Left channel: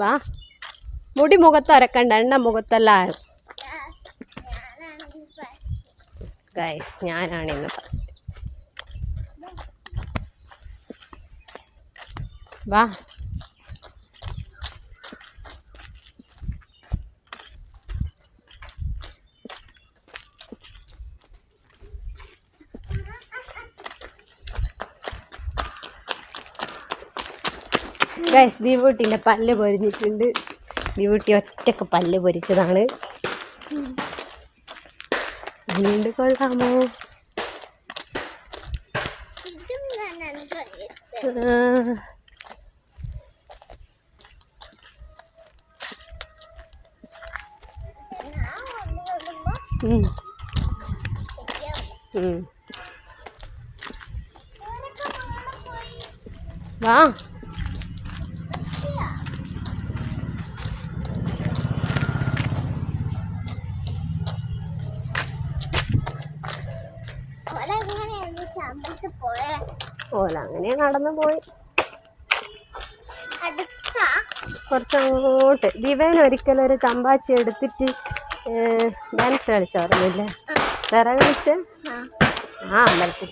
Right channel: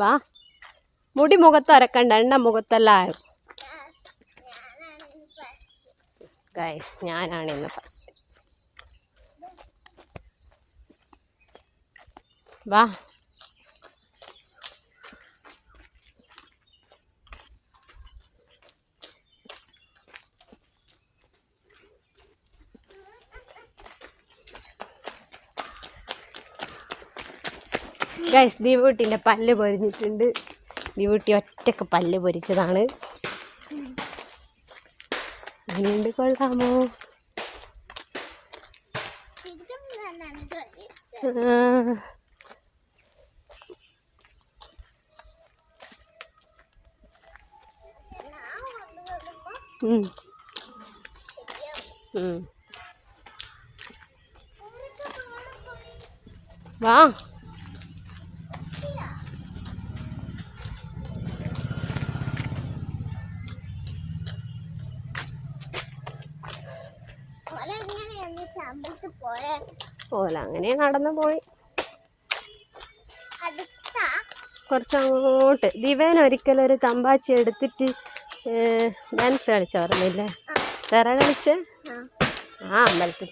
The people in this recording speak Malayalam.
വാ. മുടി മുഖത്ത് അരക്കണ്ട, എണ്ണ മുഖത്തെല്ലാം. ഗൈസ്, ഞാനാണ് ഇന്ന് ഫസ്റ്റ്. വാ. ഗൈസ്, ദിവൂട്ടിൻ്റെ പല്ല് പൊരിഞ്ഞിട്ടുണ്ട്. ദിവൂട്ടി ഒറ്റക്ക് പല്ല് പൊരിച്ചതാണ്. വീണ്ടും കൊള്ളാമോ? വാ. ഓല അങ്ങനെ നടന്നു പോയി. കുറച്ചങ്ങോട്ട് ദിവൻ ഒരിക്കലും ഒരു കമ്പാച്ചി എടുത്തിട്ട് ഡാൻസ് കളിച്ചോർന്നില്ലേ? വേറെ കളിച്ച് അമ്പലത്തിൽ